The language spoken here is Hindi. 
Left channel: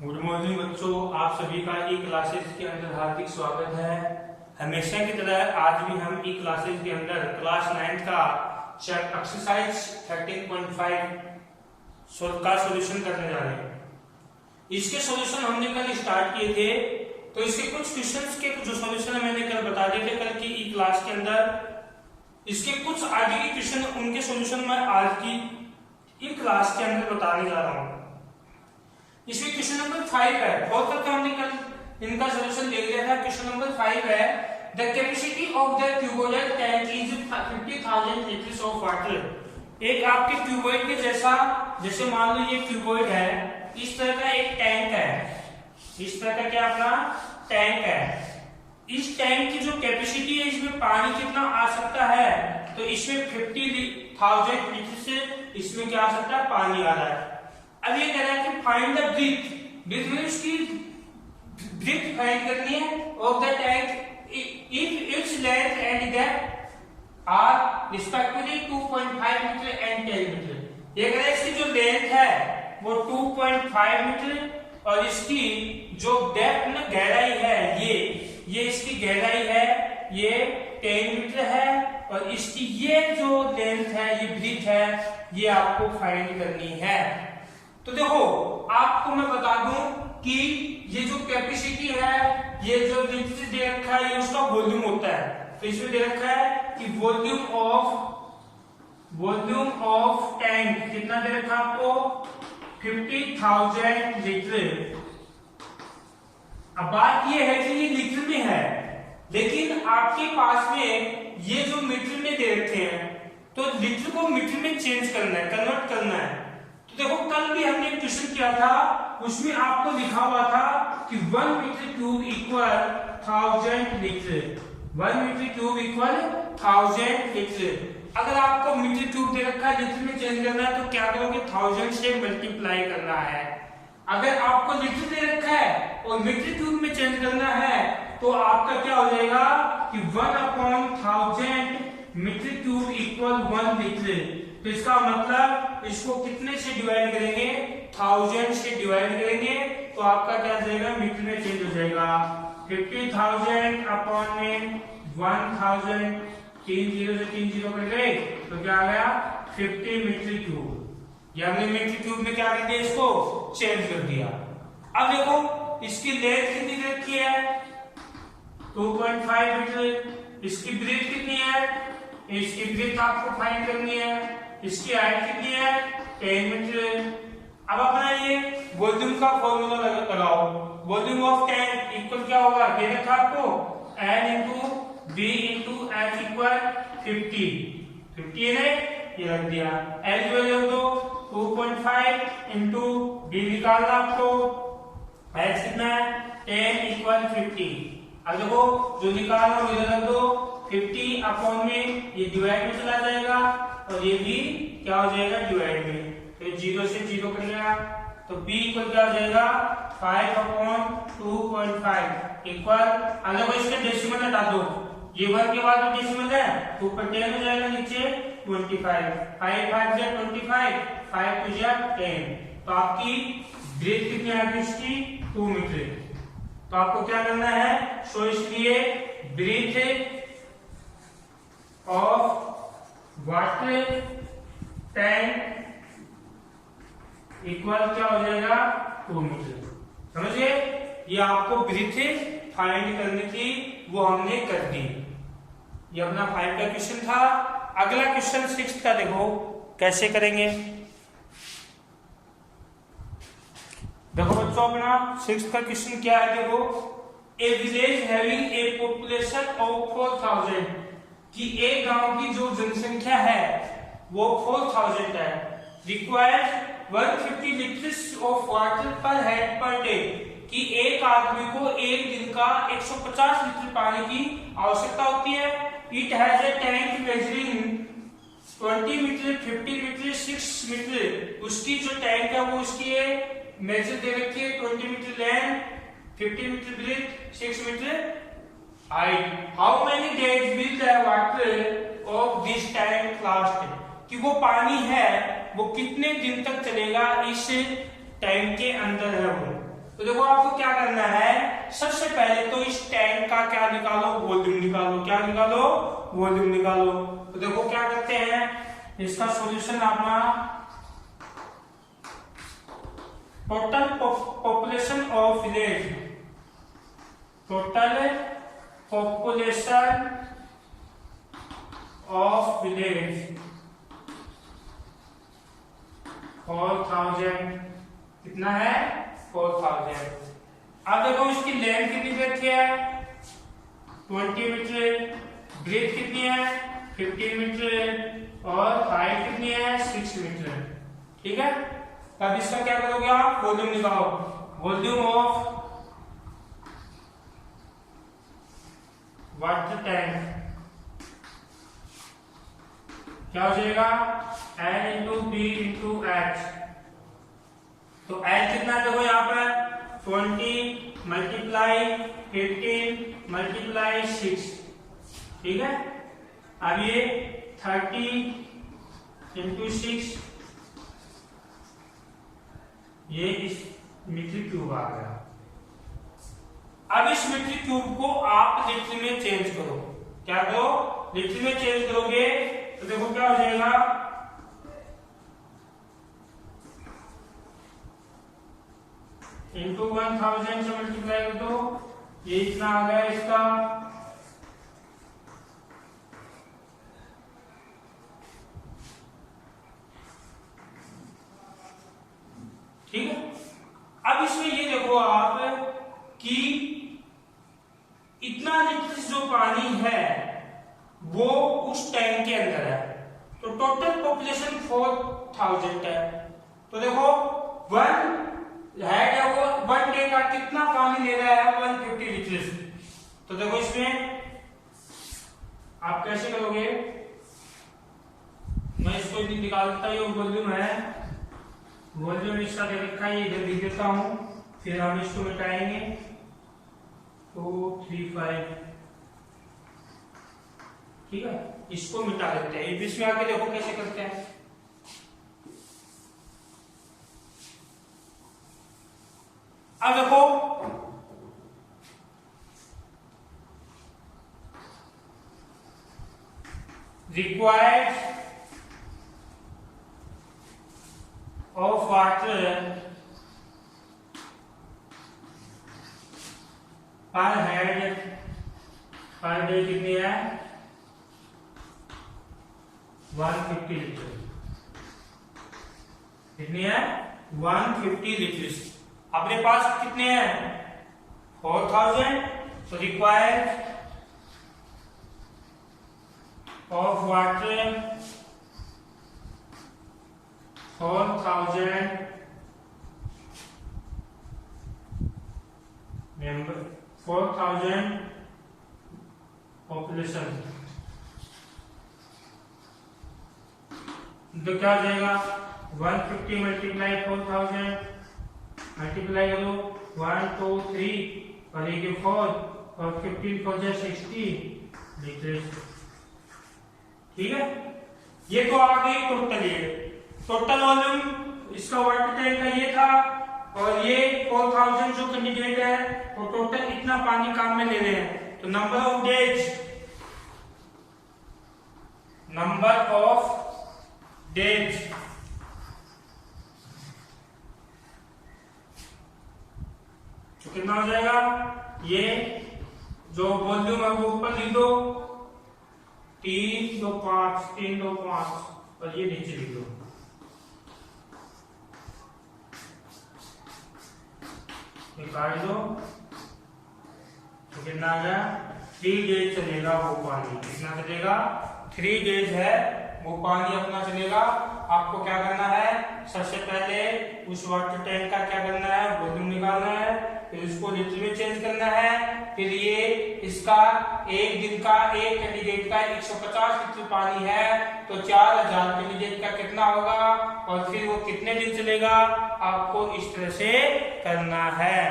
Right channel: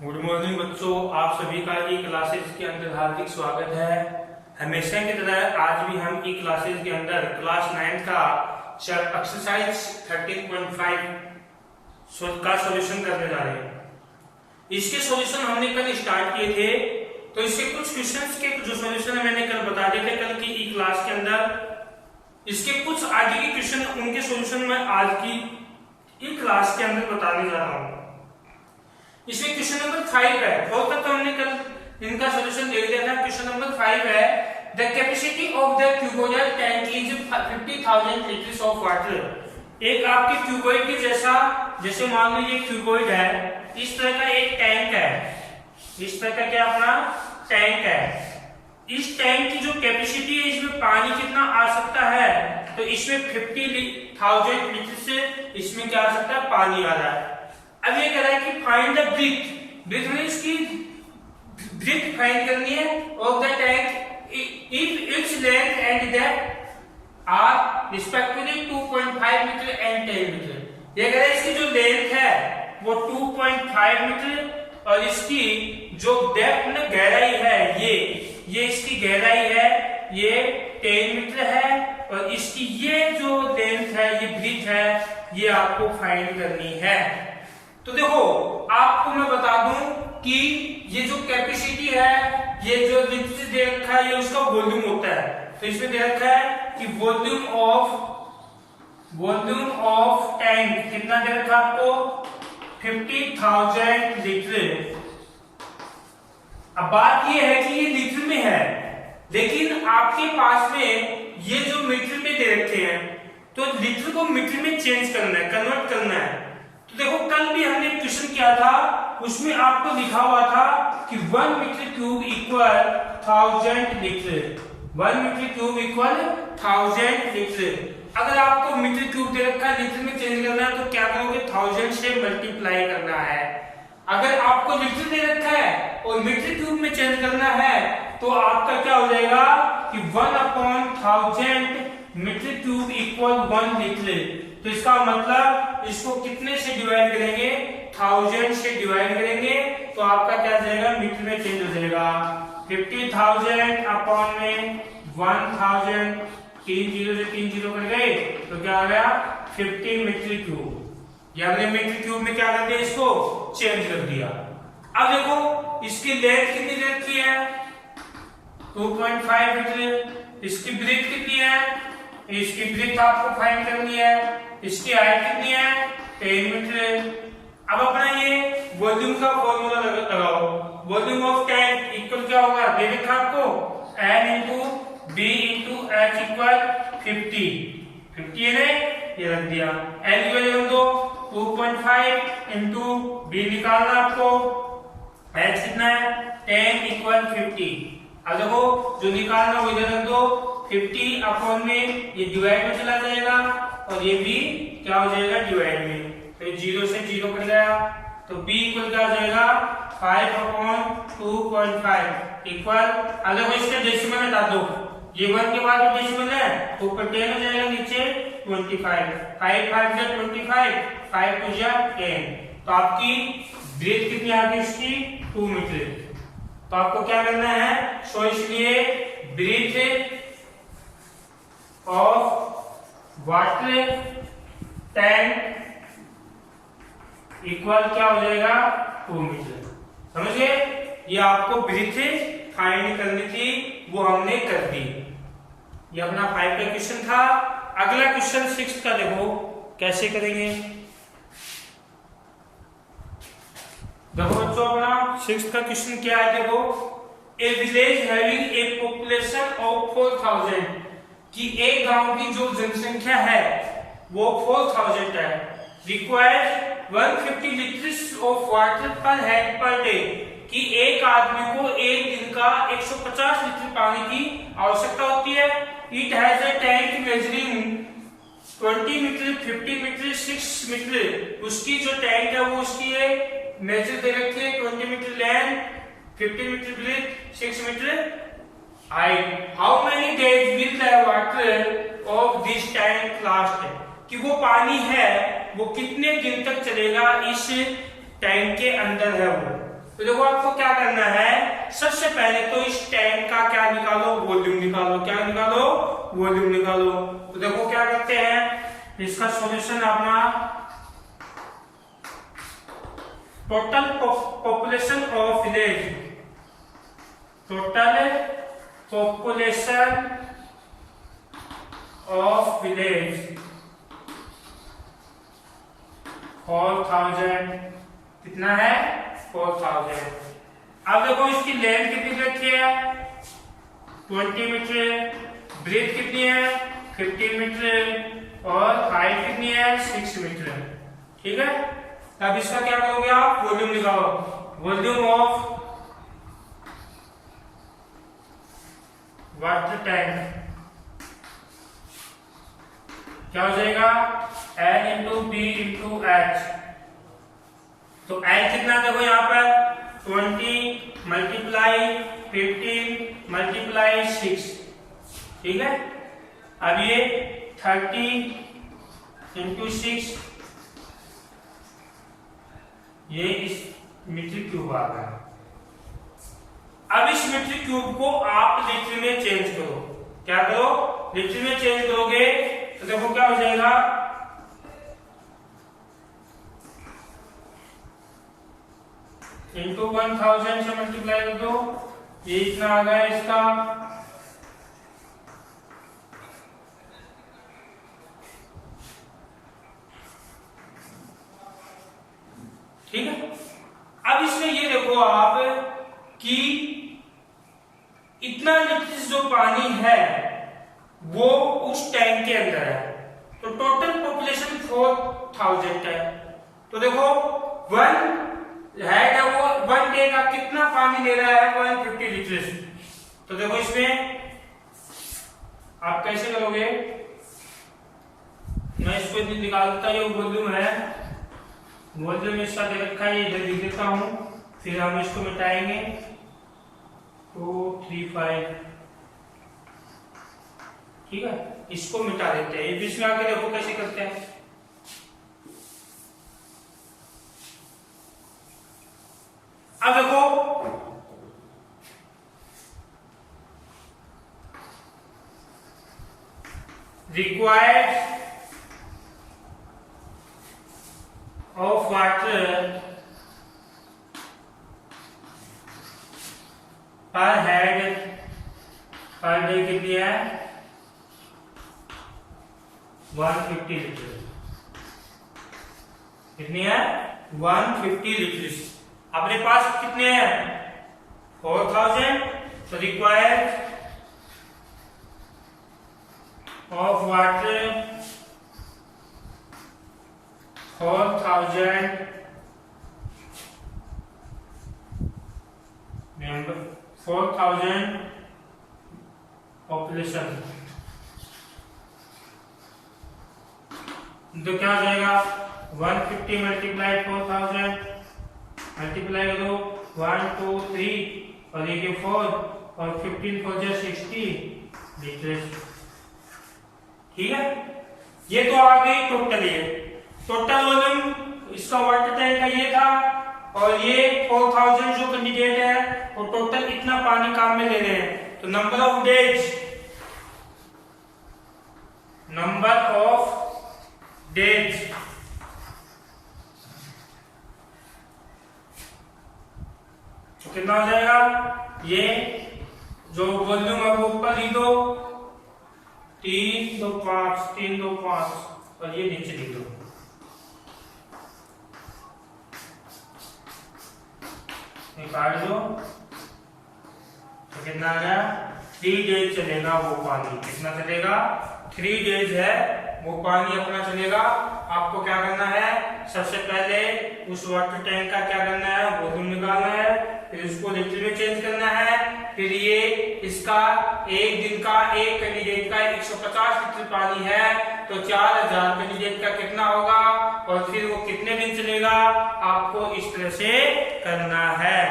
गुड मॉर्निंग बच्चों, आप सभी का ई क्लासेज के अंदर हार्दिक स्वागत है। हमेशा की तरह आज भी हम ई क्लासेज के अंदर क्लास 9 का एक्सरसाइज 13.5 का सॉल्यूशन करने जा रहे हैं। इसके सॉल्यूशन हमने कल स्टार्ट किए थे, तो इसके कुछ क्वेश्चंस के जो सॉल्यूशन मैंने कल बता दिए थे कल की ई क्लास के अंदर। इसके कुछ आगे के क्वेश्चन, उनके सॉल्यूशन मैं आज की ई क्लास के अंदर बताने जा रहा हूँ। इसमें क्वेश्चन नंबर 5 है, और तक तो हमने कल इनका सॉल्यूशन ले लिया था। क्वेश्चन नंबर 5 है, the capacity of the cuboidal tank is 50,000 litres of water. एक आपके क्यूबोइड की जैसे मान लीजिए क्यूबोइड है, इस तरह का एक टैंक है, इस तरह का क्या अपना टैंक है। इस टैंक की जो कैपेसिटी है, इसमें पानी कितना आ सकता है, तो इसमें 50,000 लीटर से इसमें क्या आ सकता है, पानी आ रहा है। अब ये कह रहा है कि फाइंड द ब्रीथ में इसकी ब्रीथ फाइंड करनी है of the tank if its length and depth are respectively 2.5 metre and 10 metre. ये कह रहा है इसकी जो लेंथ है वो 2.5 मीटर और इसकी जो डेप्थ में गहराई है ये इसकी गहराई है ये 10 मीटर है, और इसकी ये जो लेंथ है, ये ब्रीथ है, ये आपको फाइंड करनी है। तो देखो, आपको मैं बता दूं कि ये जो कैपेसिटी है, ये जो दे रखा है, ये उसका वॉल्यूम होता है। तो इसमें दे रखा है कि वॉल्यूम ऑफ टैंक कितना दे रखा है आपको, 50,000 लीटर। अब बात ये है कि ये लीटर में है, लेकिन आपके पास में ये जो मीटर में दे रखे हैं, तो लीटर को मीटर में चेंज करना है, कन्वर्ट करना है। तो देखो, कल भी हमने क्वेश्चन किया था, उसमें आपको लिखा हुआ था कि 1 metre cube equal 1000 litre. 1 metre cube equal 1000 litre. अगर आपको मीटर क्यूब दे रखा है, लीटर में चेंज करना है, तो क्या करोगे, 1000 से मल्टीप्लाई करना है। अगर आपको लीटर दे रखा है और मीटर क्यूब में चेंज करना है, तो आपका क्या हो जाएगा कि 1/1000 मीटर क्यूब इक्वल 1 लीटर। तो इसका मतलब इसको कितने से डिवाइड करेंगे, 1000 से डिवाइड करेंगे, तो आपका क्या आ जाएगा, मीटर में चेंज हो जाएगा। 50,000 अपॉन में 1000, 3 जीरो से 3 जीरो कर गए, तो क्या आ गया 50 मीटर क्यूब। ये हमने मीटर क्यूब में क्या कर दिया, इसको चेंज कर दिया। अब देखो, इसकी लेंथ कितनी रखी है, 2.5 मीटर। इसकी ब्रीथ कितनी है, इसकी ब्रीथ आपको फाइंड करनी है। इसकी हाइट कितनी है, 10 मीटर। अब अपना ये वॉल्यूम का फॉर्मूला लगाओ। वॉल्यूम ऑफ टैंक इक्वल क्या होगा, दे रखा आपको N into B into H equal 50 है ना, ये रख दिया। L की वैल्यू दो 2.5 इंटू बी निकालना आपको, H कितना है 10 इक्वल 50। अब देखो, जो निकालना वो इधर रख दो, 50 अपॉन में ये डिवाइड में चला जाएगा, और ये भी क्या हो जाएगा, डिवाइड में। तो ये 0 से 0 कट गया, तो b इक्वल क्या हो जाएगा 5/2.5 इक्वल। अब देखो, इसके डेसिमल हटा दो, ये 1 के बाद डेसिमल है, तो ऊपर 10 हो जाएगा, नीचे 25। 5 5 जा 25, 5 2 जा 10। तो आपकी ब्रीथ कितनी आ गई, इसकी 2 मीटर। तो आपको क्या करना है, सो इसलिए breadth of water tank equal क्या हो जाएगा, 2 मीटर। समझिए, ये आपको ब्रीथ फाइंड करनी थी, वो हमने कर दी। ये अपना 5 का क्वेश्चन था। अगला क्वेश्चन 6 का देखो कैसे करेंगे। देखो बच्चों, अपना 6 का क्वेश्चन क्या है, देखो, ए village having a population of 4000, कि एक गांव की जो जनसंख्या है वो 4000 है, रिक्वायर्ड 150 लीटर्स ऑफ वाटर पर हेड पर डे, कि एक आदमी को एक दिन का 150 लीटर पानी की आवश्यकता होती है। It has a tank measuring 20 metre, 50 metre, 6 metre. उसकी जो टैंक है वो उसकी मेजर दे रखी है, 20 metre length, 50 metre breadth, 6 metre height. How many days will the water of this tank last, कि वो पानी है वो कितने दिन तक चलेगा इस टैंक के अंदर है वो। तो देखो आपको क्या करना है, सबसे पहले तो इस टैंक का क्या निकालो, वॉल्यूम निकालो। क्या निकालो, वॉल्यूम निकालो। तो देखो क्या करते हैं, इसका सॉल्यूशन अपना total population of village, total population of village 4000, कितना है 4000। अब देखो इसकी लेंथ कितनी रखी है 20 मीटर, ब्रेथ कितनी है 15 मीटर और हाइट कितनी है 6 मीटर। ठीक है, अब इसका क्या करोगे आप, वॉल्यूम निकालो। वॉल्यूम ऑफ वाटर टैंक क्या हो जाएगा, N into B into H. तो N कितना देखो यहाँ पर 20 मल्टीप्लाई 15 मल्टीप्लाई 6। ठीक है, अब ये 30 इंटू 6, ये इस मीटर क्यूब आ गया। अब इस मीटर क्यूब को आप लीटर में चेंज करो। क्या करो, लीटर में चेंज करोगे तो देखो क्या हो जाएगा, इंटू 1000 से मल्टीप्लाई कर दो, ये इतना आ गया इसका। ठीक है, अब इसमें ये देखो आप कि इतना लीटर जो पानी है वो उस टैंक के अंदर है। तो टोटल पॉपुलेशन 4000 है। तो देखो 1 हेड है वो 1 डे का कितना पानी ले रहा है 150 लीटर। तो देखो इसमें आप कैसे करोगे, मैं इसको निकालता हूं, ये वॉल्यूम है, वॉल्यूम इसका दे रखा है, ये इधर लिख देता हूं, फिर हम इसको मिटाएंगे। 235, ठीक है, इसको मिटा देते हैं। इसमें आके देखो कैसे करते हैं। अब देखो रिक्वायर्ड ऑफ वाटर पर हेड पर डे कितनी है 150 लीटर। कितनी है 150 लीटर। अपने पास कितने हैं 4000। तो required of water 4000 member 4000 population. तो क्या हो जाएगा 150 मल्टीप्लाई 4000 मल्टीप्लाई करो 1 2 3 और ये 4 और 15 4 60 लीटर। ठीक है, ये तो आ गई टोटल। ये टोटल वॉल्यूम इसका वाटर टैंक का ये था, और ये 4000 जो कैंडिडेट है वो टोटल इतना पानी काम में ले रहे हैं। तो number of days, number of days तो कितना हो जाएगा, ये जो वॉल्यूम है वो ऊपर लिख दो 3 2 5 3 2 5 और ये नीचे लिख दो। काट दो तो कितना आ गया 3 डेज चलेगा वो पानी। कितना चलेगा 3 डेज है वो पानी अपना चलेगा। आपको क्या करना है, सबसे पहले उस वाटर टैंक का क्या करना है, वॉल्यूम निकालना है, फिर उसको लीटर में चेंज करना है, फिर ये इसका एक दिन का एक कैंडिडेट का 150 लीटर पानी है तो 4000 कैंडिडेट का कितना होगा और फिर वो कितने दिन चलेगा, आपको इस तरह से करना है।